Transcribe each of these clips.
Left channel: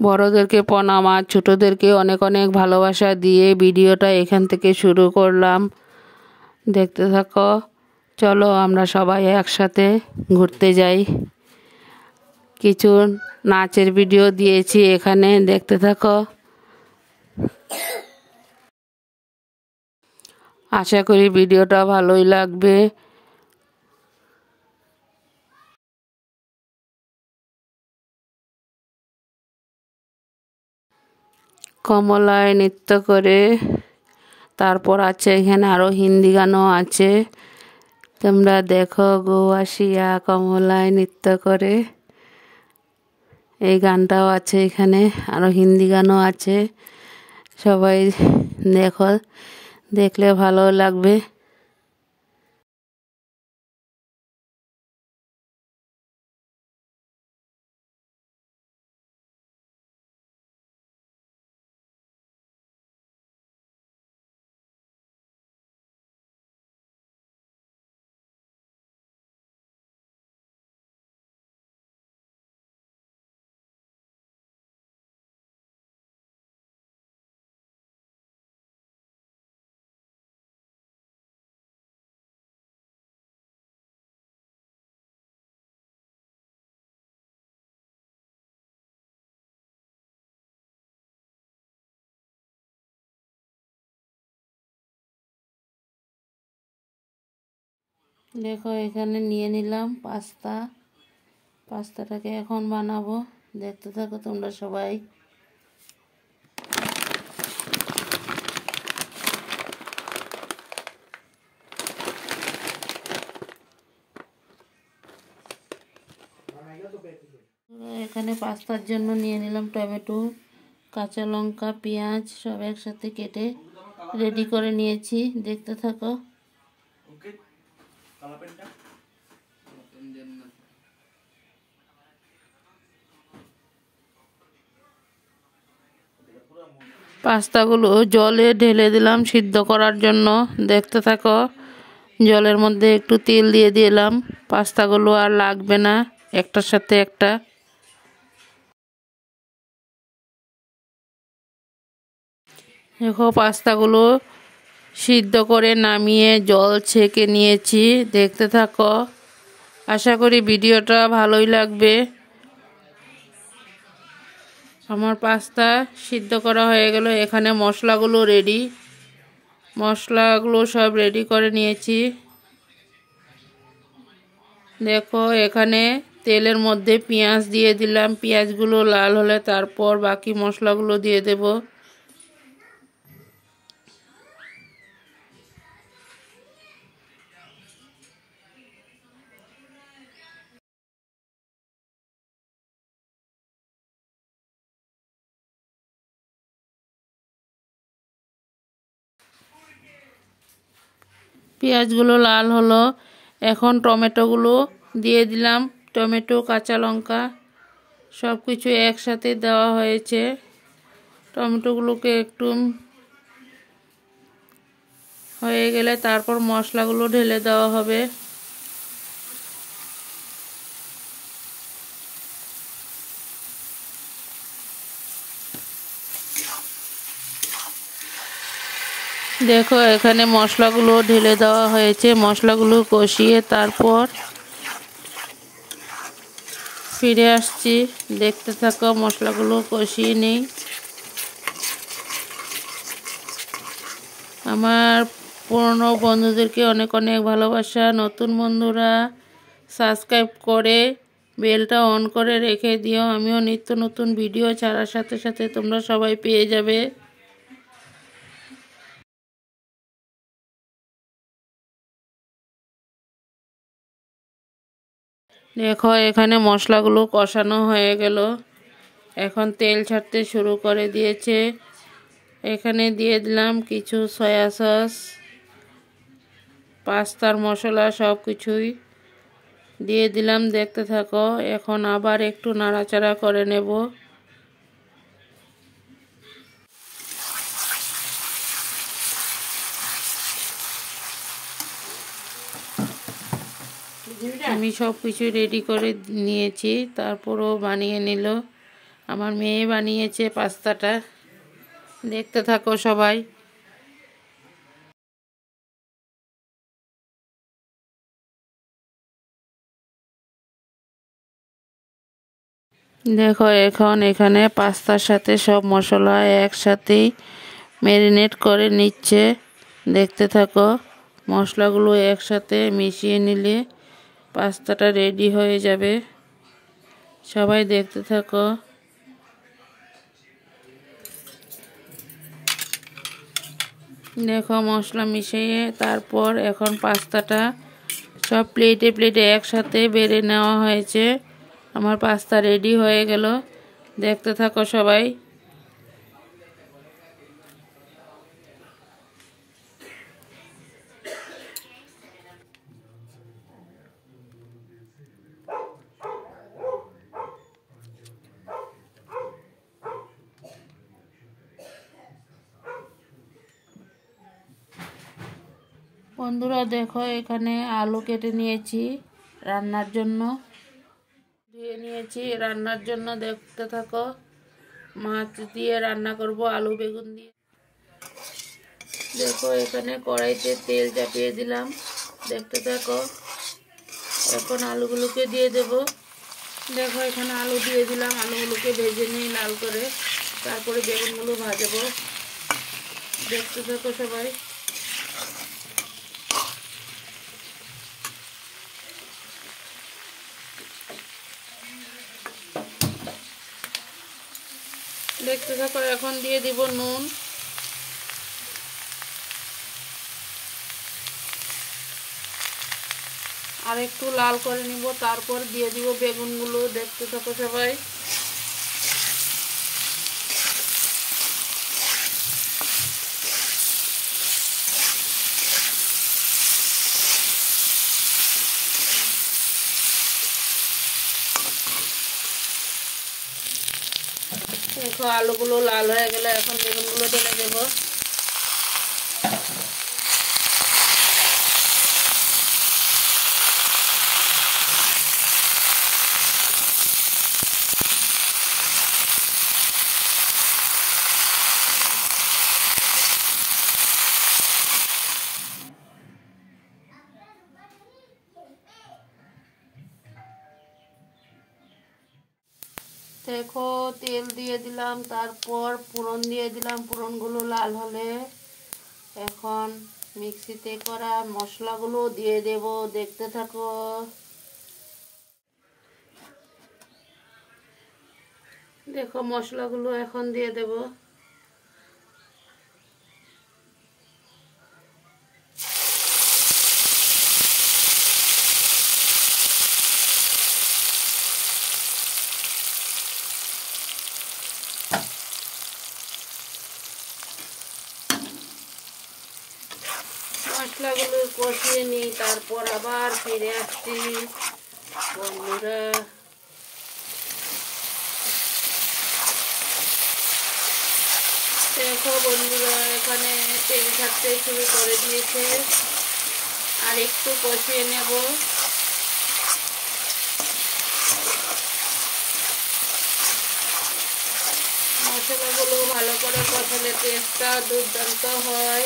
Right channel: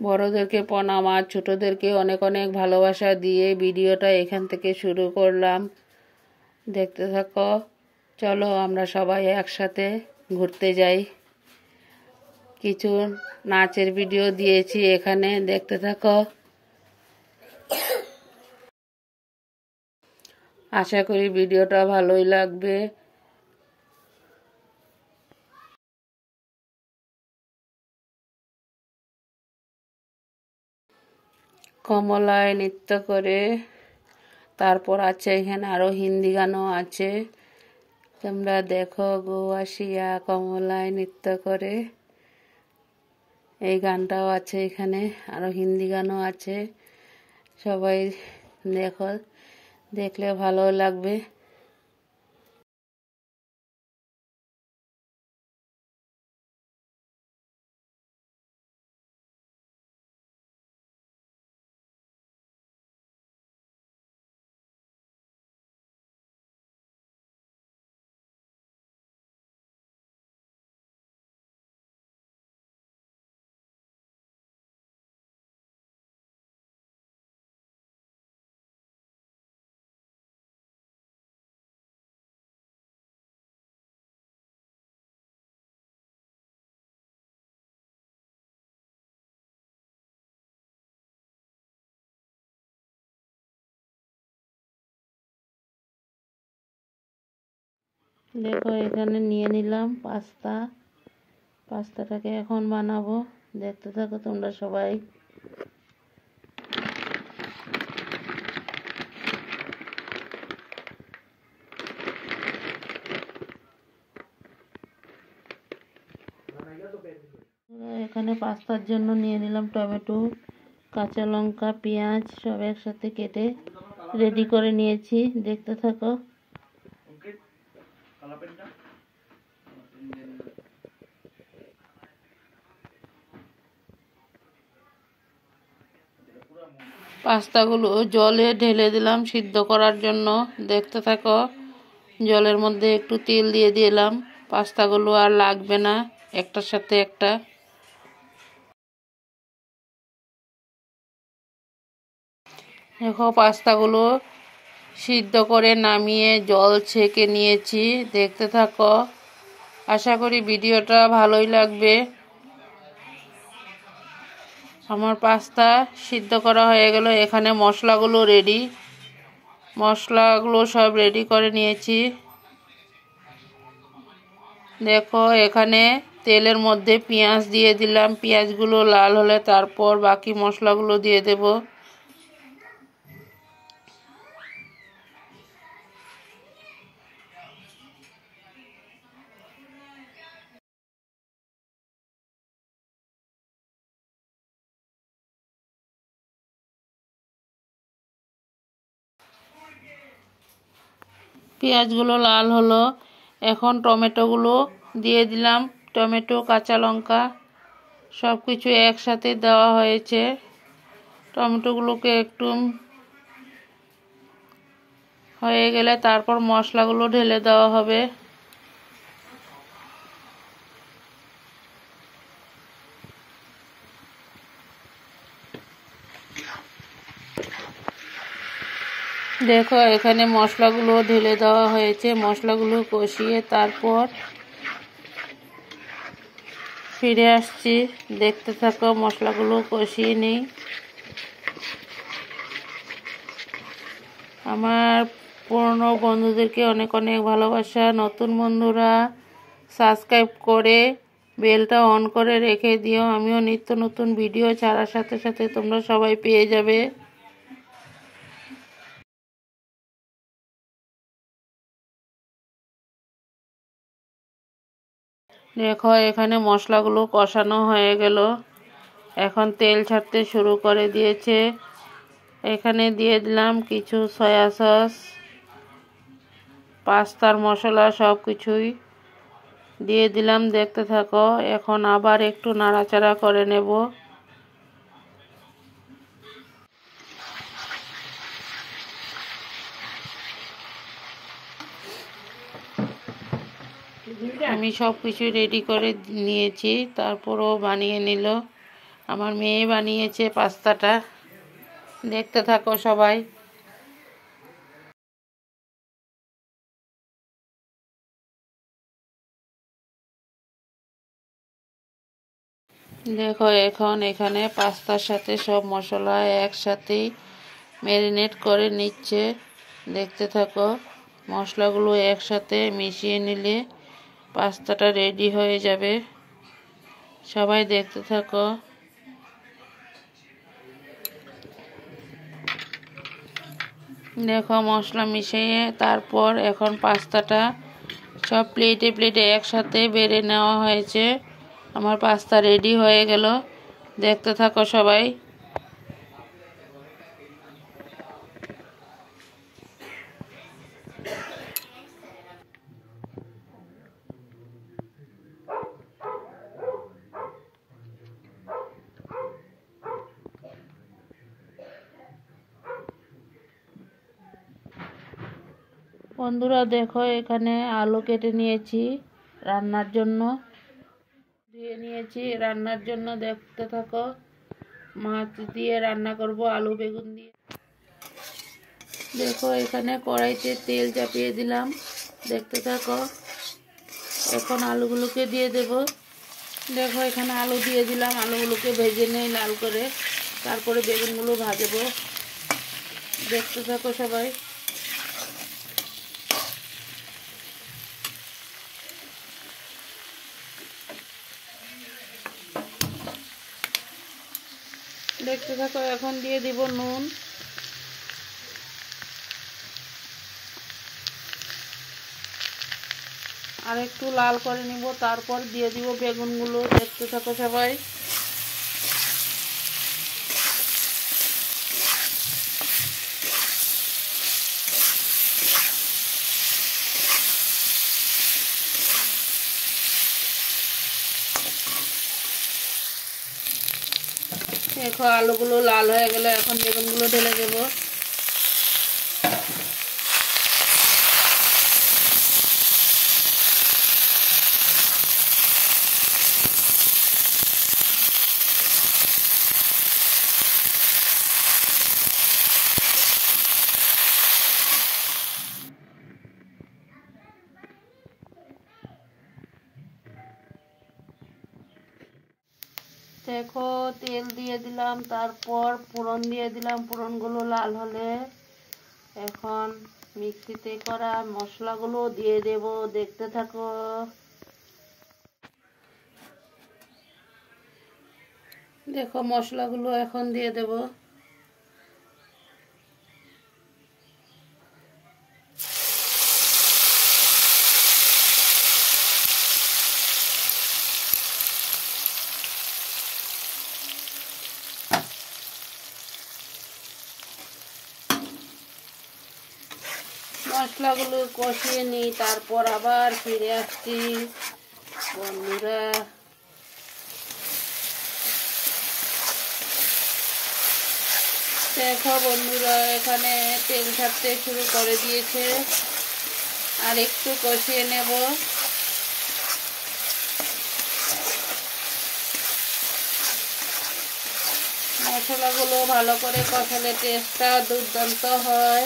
বড়দেরকে প্রণাম আর ছোটদেরকে অনেক অনেক ভালোবাসা দিয়ে ভিডিওটা এখান থেকে শুরু করলাম। দেখতে থাকো। চলো আমরা সবাই একসাথে ঘুরতে যাই। কিছু নাচের ভিডিও দিয়েছি এখানে, দেখতে থাকো। আশা করি ভিডিওটা ভালোই লাগবে। কমলায় নৃত্য করে, তারপর আছে এখানে আরো হিন্দি গানও আছে। তোমরা দেখো, গো আসিয়া কমলায় নৃত্য করে, এই গানটাও আছে এখানে, আরো হিন্দি গানও আছে। সবাই দেখো, দেখলে ভালো লাগবে। দেখো এখানে নিয়ে নিলাম পাস্তাটাকে এখন বানাবো। দেখতে থাকো তোমরা সবাই। এখানে পাস্তার জন্য নিয়ে নিলাম টমেটো, কাঁচা লঙ্কা, পেঁয়াজ সব একসাথে কেটে রেডি করে নিয়েছি। দেখতে থাকো। পাস্তাগুলো জলে ঢেলে দিলাম সিদ্ধ করার জন্য। দেখতে থাকো। জলের মধ্যে একটু তেল দিয়ে দিলাম, পাস্তাগুলো আর লাগবে না একটার সাথে একটা। দেখো পাস্তাগুলো সিদ্ধ করে নামিয়ে জল ছেঁকে নিয়েছি। দেখতে থাকো। আশা করি ভিডিওটা ভালোই লাগবে। আমার পাস্তা সিদ্ধ করা হয়ে গেল। এখানে মশলাগুলো রেডি, মশলাগুলো সব রেডি করে নিয়েছি। দেখো এখানে তেলের মধ্যে পেঁয়াজ দিয়ে দিলাম, পেঁয়াজগুলো লাল হলে তারপর বাকি মশলাগুলো দিয়ে দেব। পেঁয়াজগুলো লাল হলো, এখন টমেটোগুলো দিয়ে দিলাম। টমেটো, কাঁচা লঙ্কা সব কিছু একসাথে দেওয়া হয়েছে। টমেটোগুলোকে একটু হয়ে গেলে তারপর মশলাগুলো ঢেলে দেওয়া হবে। দেখো এখানে মশলাগুলো ঢেলে দেওয়া হয়েছে। মশলাগুলো কষিয়ে তারপর ফিরে আসছি। দেখতে থাকো, মশলাগুলো কষিয়ে নিই। আমার পুরনো বন্ধুদেরকে অনেক অনেক ভালোবাসা। নতুন বন্ধুরা সাবস্ক্রাইব করে বেলটা অন করে রেখে দিও। আমিও নিত্য নতুন ভিডিও ছাড়ার সাথে সাথে তোমরা সবাই পেয়ে যাবে। দেখো এখানে মশলাগুলো কষানো হয়ে গেল, এখন তেল ছাড়তে শুরু করে দিয়েছে। এখানে দিয়ে দিলাম কিছু সয়া সস, পাস্তার মশলা সব কিছুই দিয়ে দিলাম। দেখতে থাকো। এখন আবার একটু নাড়াচাড়া করে নেব। আমি সব কিছু রেডি করে নিয়েছি, তারপরও বানিয়ে নিল। আমার মেয়ে বানিয়েছে পাস্তাটা, দেখতে থাকো সবাই। দেখো এখন এখানে পাস্তার সাথে সব মশলা একসাথেই ম্যারিনেট করে নিচ্ছে, দেখতে থাকো। মশলাগুলো একসাথে মিশিয়ে নিলে পাস্তাটা রেডি হয়ে যাবে, সবাই দেখতে থাকো। দেখো মশলা মিশিয়ে তারপর এখন পাস্তাটা সব প্লেটে প্লেটে একসাথে বেড়ে নেওয়া হয়েছে। আমার পাস্তা রেডি হয়ে গেল, দেখতে থাকো সবাই। বন্ধুরা দেখো এখানে আলু কেটে নিয়েছি রান্নার জন্য, ধুয়ে নিয়েছি রান্নার জন্য, দেখতে থাকো। মাছ দিয়ে রান্না করব, আলু বেগুন দিয়ে। দেখো এখানে কড়াইতে তেল চাপিয়ে দিলাম, দেখতে থাকো। এখন আলুগুলোকে দিয়ে দেব। দেখো এখানে আলু দিয়ে দিলাম, আলুগুলোকে ভেজে নিই লাল করে, তারপরে বেগুনগুলো ভাজবো, দেখতে থাকো সবাই। দেখতে থাকো, এখন দিয়ে দিব নুন, আর একটু লাল করে নিব, তারপর দিয়ে দিব বেগুনগুলো, দেখতে থাকো সবাই। দেখো আলুগুলো লাল হয়ে গেলে এখন বেগুনগুলো ঢেলে দেবো। দেখো তেল দিয়ে দিলাম, তারপর ফোড়ন দিয়ে দিলাম, ফোড়নগুলো লাল হলে এখন মিক্সিতে করা মশলাগুলো দিয়ে দেব, দেখতে থাকো। দেখো মশলাগুলো এখন দিয়ে দেব। মশলাগুলো কষিয়ে নিই, তারপর আবার ফিরে আসছি বন্ধুরা। দেখো বন্ধুরা এখানে তেল ছাড়তে শুরু করে দিয়েছে, আর একটু কষিয়ে নেব। মশলাগুলো ভালো করে কষালে টেস্টটা দুর্দান্ত হয়।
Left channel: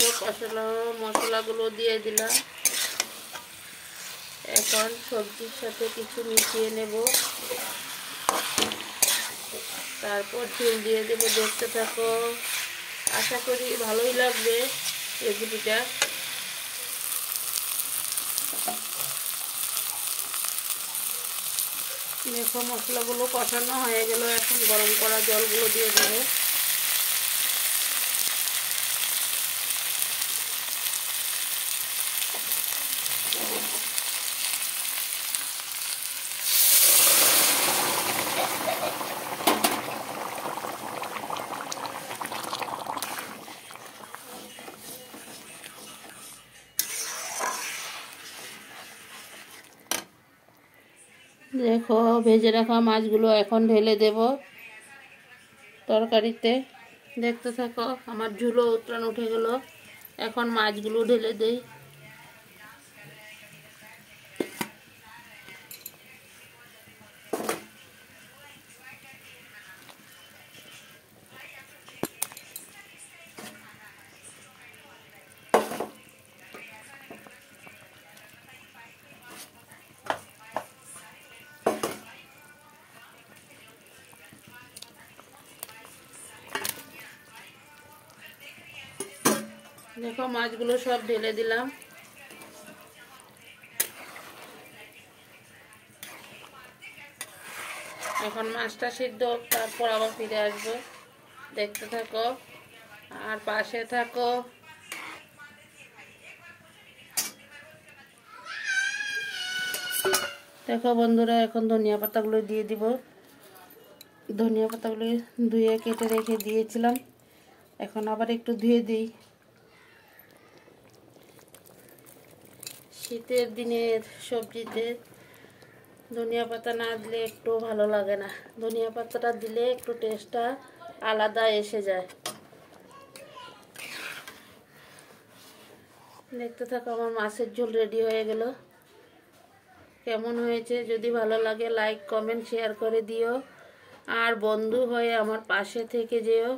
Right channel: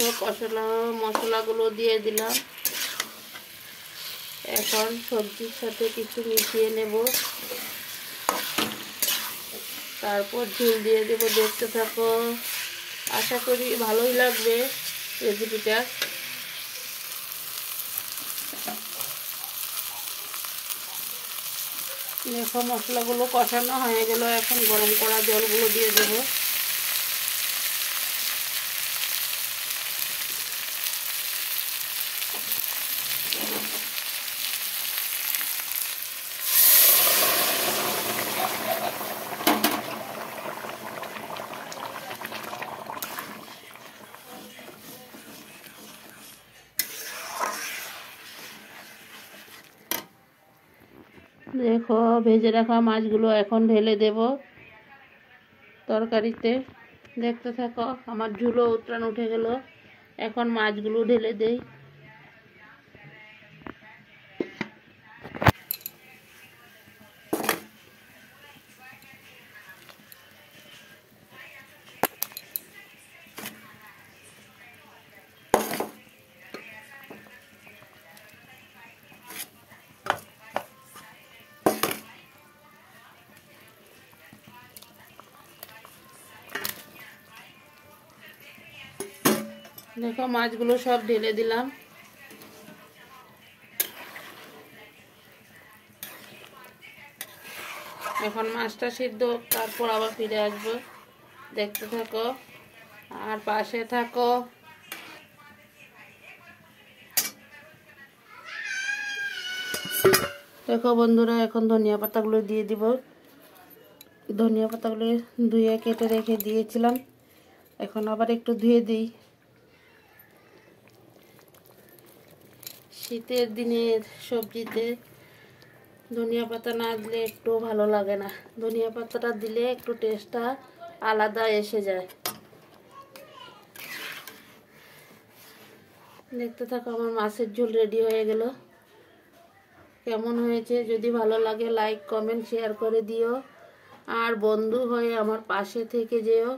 দেখো মশলাগুলো দিয়ে দিলাম, এখন সবজির সাথে কিছু মিশিয়ে নেব, তারপর ঝোল দিয়ে দেব, দেখতে থাকো। আশা করি ভালোই লাগবে রেসিপিটা। দেখো মশলাগুলো কষানো হয়ে গেল, এখন গরম করা জলগুলো দিয়ে দেবো। দেখো ভেজে রাখা মাছগুলো এখন ঢেলে দেব তরকারিতে। দেখতে থাকো, আমার ঝুলো উতরান উঠে গেল। এখন মাছগুলো ঢেলে দেই। দেখো মাছগুলো সব ঢেলে দিলাম। এখন মাছটা সিদ্ধ হোক, তারপর আবার ফিরে আসবো। দেখতে থাকো আর পাশে থাকো। দেখো বন্ধুরা, এখন ধনিয়া পাতাগুলো দিয়ে দিব। ধনিয়া পাতাগুলো ধুয়ে কেটে রেখে দিয়েছিলাম, এখন আবার একটু ধুয়ে দিই। শীতের দিনের সবজিতে ধনিয়া পাতা না দিলে একটু ভালো লাগে না। ধনিয়া পাতাটা দিলে একটু টেস্টটা আলাদা এসে যায়। দেখতে থাকো, আমার মাছের ঝোল রেডি হয়ে গেল। কেমন হয়েছে যদি ভালো লাগে লাইক কমেন্ট শেয়ার করে দিও, আর বন্ধু হয়ে আমার পাশে থেকে যেও।